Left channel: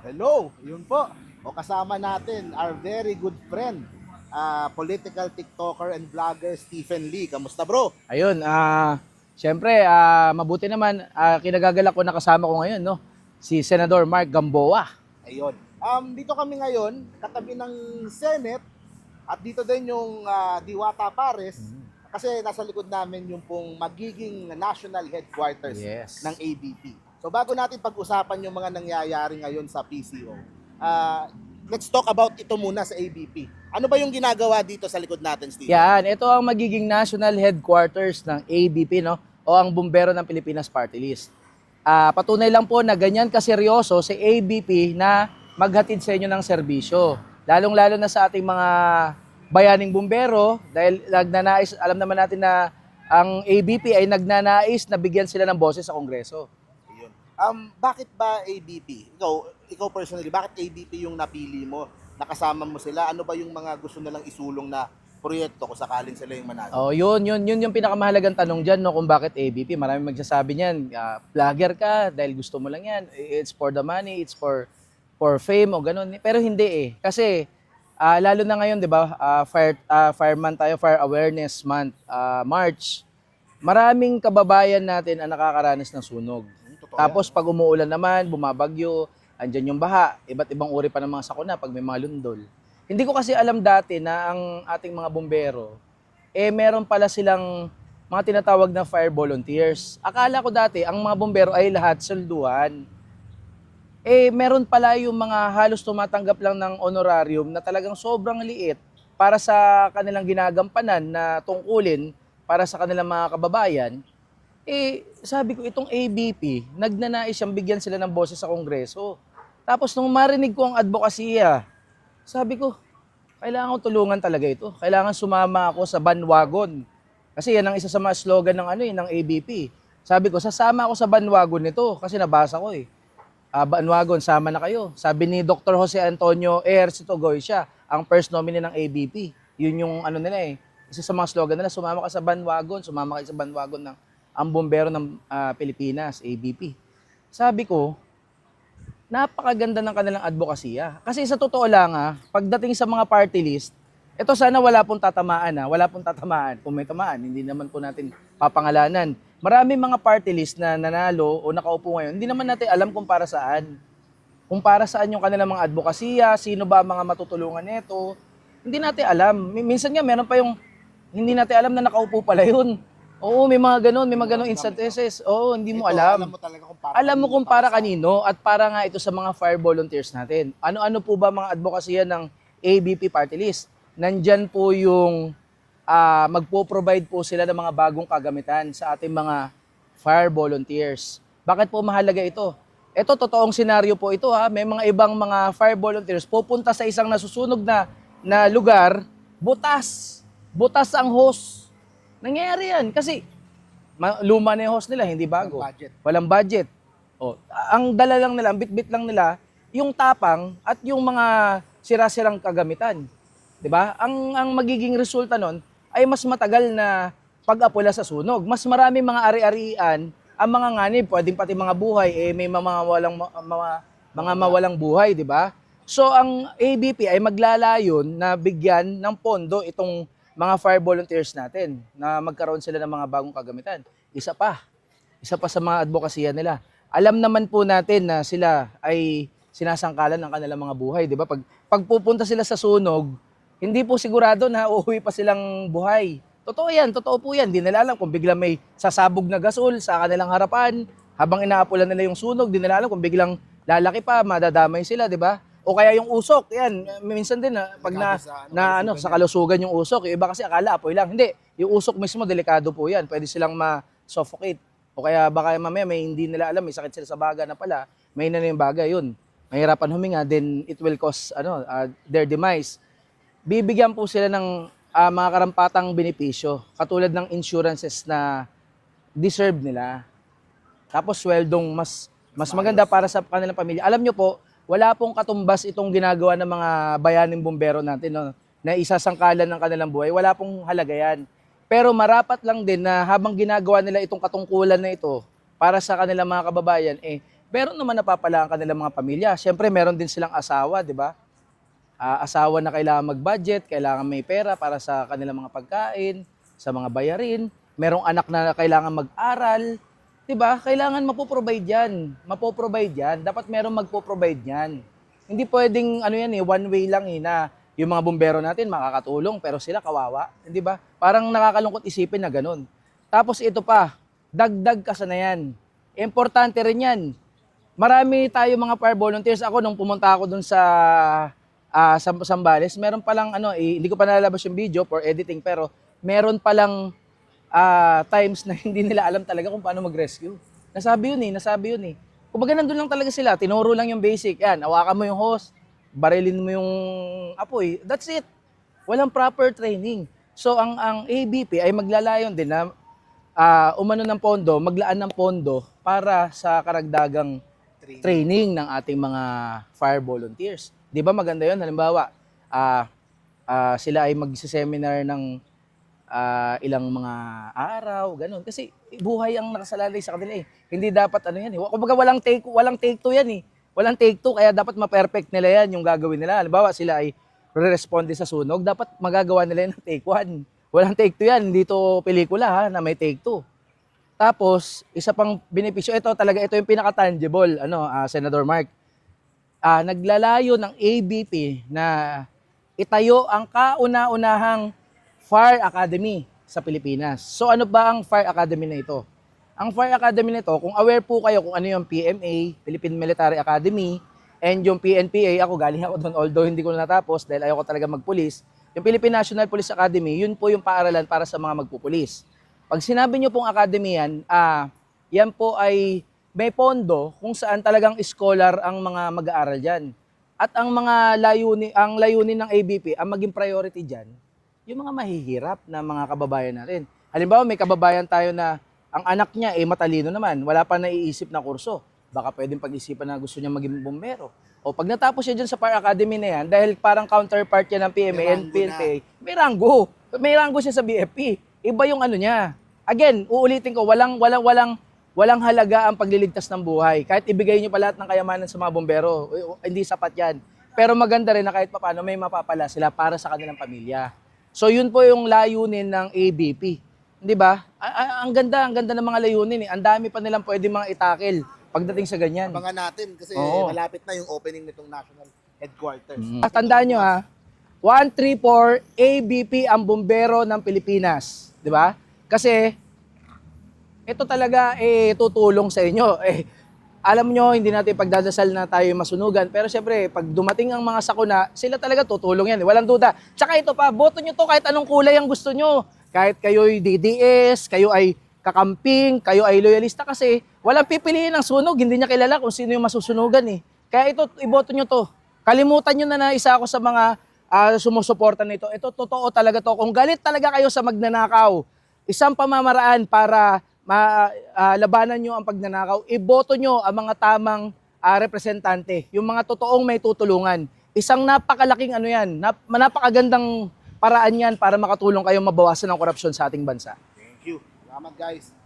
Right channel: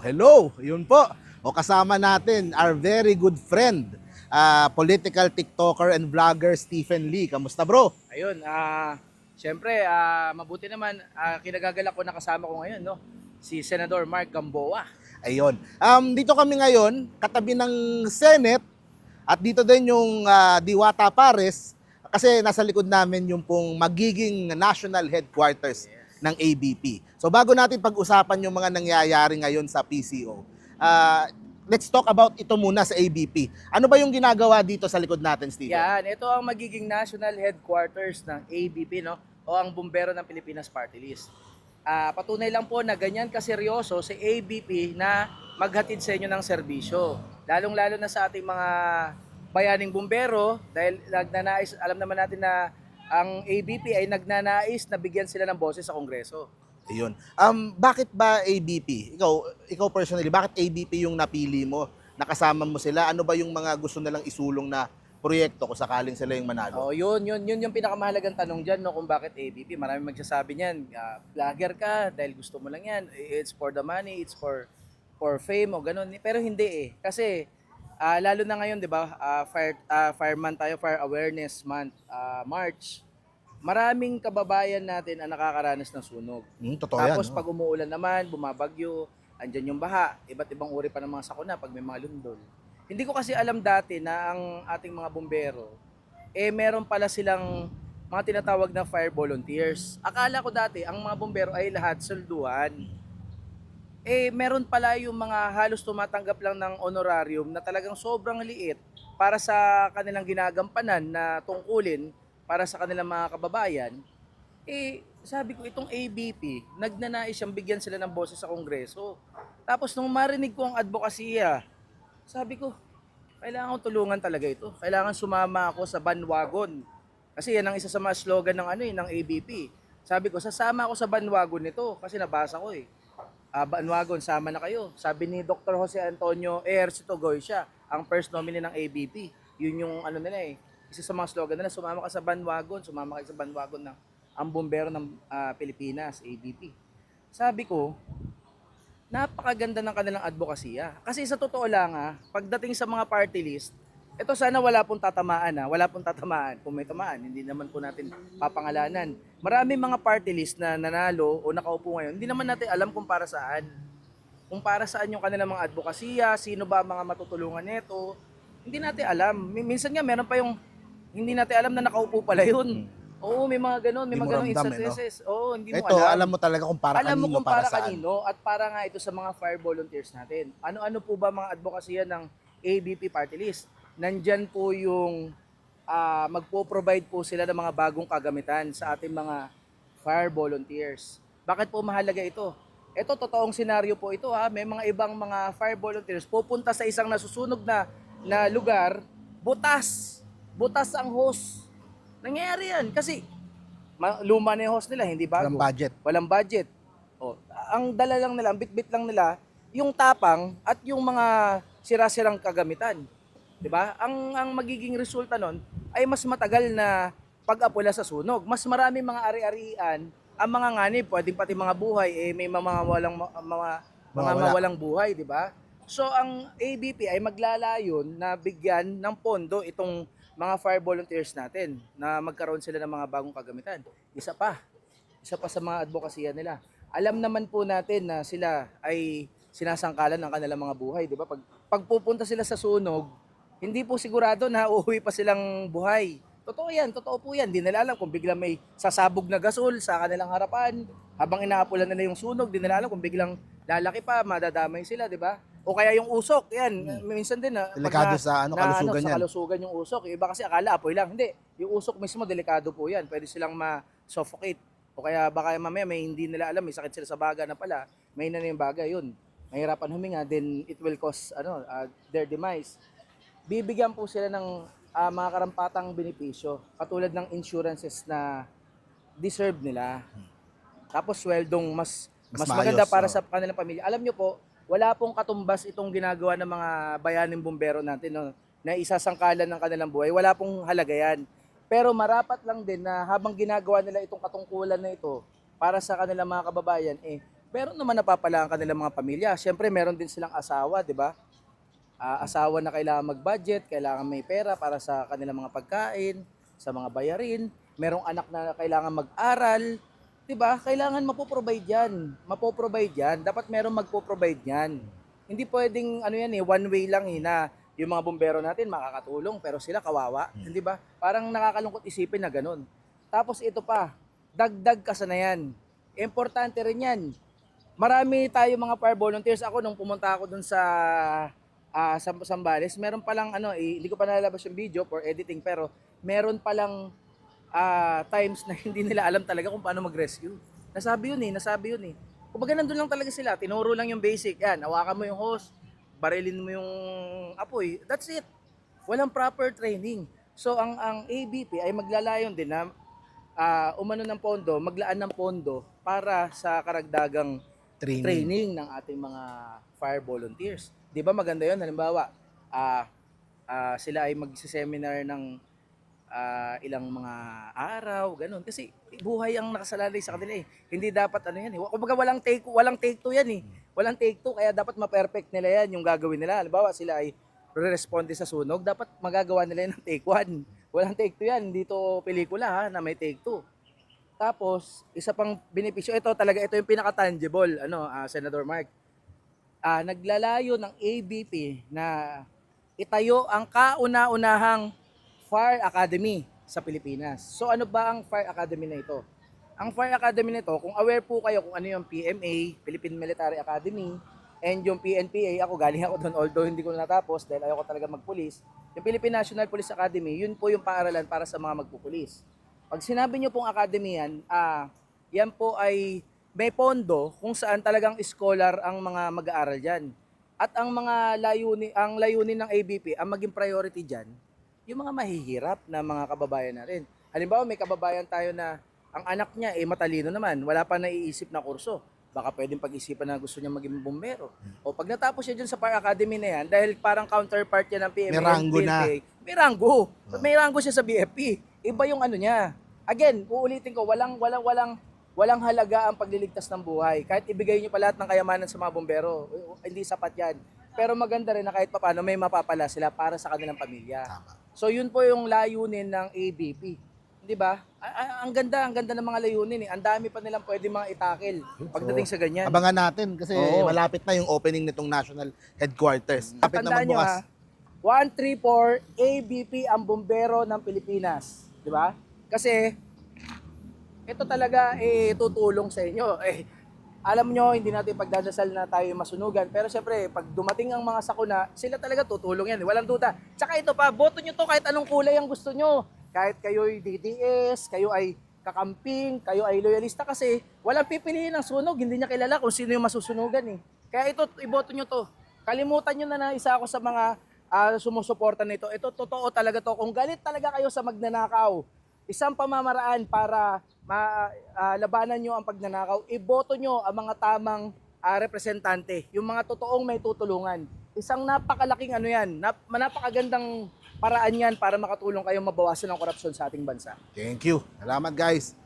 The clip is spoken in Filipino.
Hello, yun po. O kasama natin our very good friend, ah, political TikToker and vlogger Stephen Lee. Kamusta bro? Ayun, ah, syempre, ah, mabuti naman, ah, kinagagalak ko nakasama ko ngayon, no? Si Senador Mark Gamboa. Ayun. Um, dito kami ngayon, katabi ng Senate, at dito din yung ah, Diwata Pares, kasi nasa likod namin yung pong magiging national headquarters Yes. ng ABP. So bago natin pag-usapan yung mga nangyayari ngayon sa PCO, ah, let's talk about ito muna sa ABP. Ano ba yung ginagawa dito sa likod natin, Steve? Yan, ito ang magiging national headquarters ng ABP, no? O ang Bumbero ng Pilipinas Party List. Ah, patunay lang po na ganyan kaseryoso si ABP na maghatid sa inyo ng serbisyo. Lalong-lalo na sa ating mga bayaning bumbero dahil nagnanais, alam naman natin na ang ABP ay nagnanais na bigyan sila ng boses sa Kongreso. Ayun. Um, bakit ba ABP? Ikaw, ikaw personally, bakit ABP yung napili mo? Nakasama mo sila? Ano ba yung mga gusto nilang isulong na proyekto kung sakaling sila yung manalo? Oh, yun, yun, yun yung pinakamahalagang tanong diyan no kung bakit ABP. Maraming magsasabi niyan, vlogger ka dahil gusto mo lang 'yan. It's for the money, it's for for fame o ganun. Pero hindi eh. Kasi ah, lalo na ngayon, 'di ba? ah, fire ah, fireman tayo, fire awareness month, ah, March. Maraming kababayan natin ang nakakaranas ng sunog. Hmm, totoo Tapos yan, no? pag umuulan naman, bumabagyo, andyan yung baha, iba't ibang uri pa ng mga sakuna pag may mga lundol. Hindi ko kasi alam dati na ang ating mga bumbero, eh meron pala silang mga tinatawag na fire volunteers. Akala ko dati, ang mga bumbero ay lahat sulduhan. Eh meron pala yung mga halos tumatanggap lang ng honorarium na talagang sobrang liit para sa kanilang ginagampanan na tungkulin para sa kanilang mga kababayan. Eh, sabi ko, itong ABP, nagnanais siyang bigyan sila ng boses sa Kongreso. Tapos nung marinig ko ang advokasya, sabi ko, kailangan ko tulungan talaga ito. Kailangan sumama ako sa bandwagon. Kasi yan ang isa sa mga slogan ng ano eh, ng ABP. Sabi ko, sasama ako sa bandwagon nito kasi nabasa ko eh. Ah, bandwagon, sama na kayo. Sabi ni Dr. Jose Antonio Ejercito Goycia, ang first nominee ng ABP. Yun yung ano nila eh. Isa sa mga slogan nila, sumama ka sa bandwagon, sumama kayo sa bandwagon ng ang bombero ng ah, Pilipinas, ABP. Sabi ko, napakaganda ng kanilang advokasya. Kasi sa totoo lang ah, pagdating sa mga party list, ito sana wala pong tatamaan ah, wala pong tatamaan. Kung may tamaan, hindi naman po natin papangalanan. Maraming mga party list na nanalo o nakaupo ngayon, hindi naman natin alam kung para saan. Kung para saan yung kanilang mga advokasya, sino ba mga matutulungan nito, hindi natin alam. Mi- Minsan nga meron pa yung hindi natin alam na nakaupo pala yun. Oo, may mga ganun, may mga ganun eh, no? instances. Oo, hindi mo Ito, alam. alam mo talaga kung para Alam mo kung para, saan. kanino at para nga ito sa mga fire volunteers natin. Ano-ano po ba mga advokasya ng ABP party list? Nandyan po yung ah, magpo-provide po sila ng mga bagong kagamitan sa ating mga fire volunteers. Bakit po mahalaga ito? Ito, totoong senaryo po ito ha. May mga ibang mga fire volunteers pupunta sa isang nasusunog na, na lugar, butas. Butas ang hose. Nangyayari yan. Kasi ma- luma na yung hose nila, hindi bago. Walang budget. Walang budget. O, ang dala lang nila, ang bit-bit lang nila, yung tapang at yung mga sira-sirang kagamitan. 'Di ba? Ang ang magiging resulta nun ay mas matagal na pag-apula sa sunog. Mas marami mga ari-arian ang mga nganib, pwedeng pati mga buhay eh may mga walang mga mga Mawala. mawalang buhay, 'di ba? So ang ABP ay maglalayon na bigyan ng pondo itong mga fire volunteers natin na magkaroon sila ng mga bagong kagamitan. Isa pa, isa pa sa mga advokasya nila. Alam naman po natin na sila ay sinasangkalan ng kanilang mga buhay, 'di ba? Pag pagpupunta sila sa sunog, hindi po sigurado na uuwi pa silang buhay. Totoo 'yan, totoo po 'yan. Hindi nila alam kung biglang may sasabog na gasol sa kanilang harapan habang inaapulan nila yung sunog, di nila alam kung biglang lalaki pa, madadamay sila, 'di ba? O kaya yung usok, 'yan. Minsan din na pag Delikado na, sa ano, na kalusugan ano, sa kalusugan yung usok. Yung iba kasi akala apoy lang. Hindi, yung usok mismo delikado po 'yan. Pwede silang ma-suffocate. O kaya baka mamaya may hindi nila alam, may sakit sila sa baga na pala, may na yung baga, yun. Mahirapan huminga, then it will cause ano, uh, their demise. Bibigyan po sila ng ah, mga karampatang benepisyo, katulad ng insurances na deserve nila. Tapos sweldong mas Mas mas, maganda maayos, para no? sa kanilang pamilya. Alam nyo po, wala pong katumbas itong ginagawa ng mga bayaning bumbero natin no, na isasangkalan ng kanilang buhay. Wala pong halaga yan. Pero marapat lang din na habang ginagawa nila itong katungkulan na ito para sa kanilang mga kababayan, eh, meron naman napapala ang kanilang mga pamilya. Siyempre, meron din silang asawa, di ba? Ah, asawa na kailangan mag-budget, kailangan may pera para sa kanilang mga pagkain, sa mga bayarin. Merong anak na kailangan mag-aral. 'Di ba? Kailangan mapoprovide 'yan. Mapoprovide 'yan. Dapat merong magpo-provide 'yan. Hindi pwedeng ano yan eh, one way lang eh na yung mga bumbero natin makakatulong pero sila kawawa, hindi ba? Parang nakakalungkot isipin na ganun. Tapos ito pa, dagdag kasanayan. Importante rin 'yan. Marami tayo mga fire volunteers. Ako nung pumunta ako dun sa ah sa Sambales, meron palang ano, eh, hindi ko pa nalalabas yung video for editing pero meron palang ah, times na hindi nila alam talaga kung paano mag-rescue. Nasabi yun eh, nasabi yun eh. Kumbaga nandun lang talaga sila, tinuro lang yung basic. Yan, hawakan mo yung hose, barilin mo yung apoy. That's it. Walang proper training. So ang ang ABP ay maglalayon din na ah, umano ng pondo, maglaan ng pondo para sa karagdagang Training. training ng ating mga fire volunteers. 'Di ba maganda 'yon? Halimbawa, ah ah, sila ay magse-seminar ng ah, ilang mga araw, ganun. Kasi buhay ang nakasalalay sa kanila eh. Hindi dapat ano yan eh. Kumbaga walang take, walang take two yan eh. Walang take two, kaya dapat ma-perfect nila yan yung gagawin nila. Halimbawa, sila ay re-responde sa sunog, dapat magagawa nila ng take one. Walang take two yan, hindi to pelikula ha, na may take two. Tapos, isa pang benepisyo, ito talaga, ito yung pinaka-tangible, ano, ah, Senador Mark. Ah, naglalayo ng ABP na itayo ang kauna-unahang Fire Academy sa Pilipinas. So ano ba ang Fire Academy na ito? Ang Fire Academy na ito, kung aware po kayo kung ano yung PMA, Philippine Military Academy, and yung PNPA, ako galing ako doon, although hindi ko natapos dahil ayoko talaga magpulis. Yung Philippine National Police Academy, yun po yung paaralan para sa mga magpupulis. Pag sinabi nyo pong academy yan, ah, yan po ay may pondo kung saan talagang scholar ang mga mag-aaral dyan. At ang mga layunin, ang layunin ng ABP, ang maging priority dyan, yung mga mahihirap na mga kababayan natin. Halimbawa, may kababayan tayo na ang anak niya eh matalino naman, wala pa naiisip na kurso. Baka pwedeng pag-isipan na gusto niya maging bumbero. O pag natapos siya dyan sa Fire Academy na yan, dahil parang counterpart yan ng PMA May and ranggo na. PNP, may ranggo. May ranggo siya sa BFP. Iba yung ano niya. Again, uulitin ko, walang, walang, walang, walang halaga ang pagliligtas ng buhay. Kahit ibigay niyo pa lahat ng kayamanan sa mga bumbero, eh, hindi sapat yan. Pero maganda rin na kahit paano may mapapala sila para sa kanilang pamilya. So yun po yung layunin ng ABP. Di ba? Ang ganda, ang ganda ng mga layunin eh. Ang dami pa nilang pwede mga itakil pagdating sa ganyan. Abangan natin kasi Oo. malapit na yung opening nitong national headquarters. Mm. Malapit na Tandaan nyo magbukas. ha, 134 ABP ang bumbero ng Pilipinas. Di ba? Kasi, ito talaga eh, tutulong sa inyo. Eh, alam nyo, hindi natin pagdadasal na tayo masunugan. Pero siyempre, pag dumating ang mga sakuna, sila talaga tutulong yan. eh. Walang duda. Tsaka ito pa, boto nyo to kahit anong kulay ang gusto nyo. Kahit kayo'y DDS, kayo ay kakamping, kayo ay loyalista kasi walang pipiliin ng sunog. Hindi niya kilala kung sino yung masusunugan eh. Kaya ito, iboto nyo to. Kalimutan nyo na na isa ako sa mga ah, sumusuporta nito. Ito, totoo talaga to. Kung galit talaga kayo sa magnanakaw, isang pamamaraan para ma, ah, labanan nyo ang pagnanakaw, iboto nyo ang mga tamang ah, representante, yung mga totoong may tutulungan. Isang napakalaking ano yan, nap, napakagandang paraan yan para makatulong kayo mabawasan ang korupsyon sa ating bansa. Thank you. Salamat guys.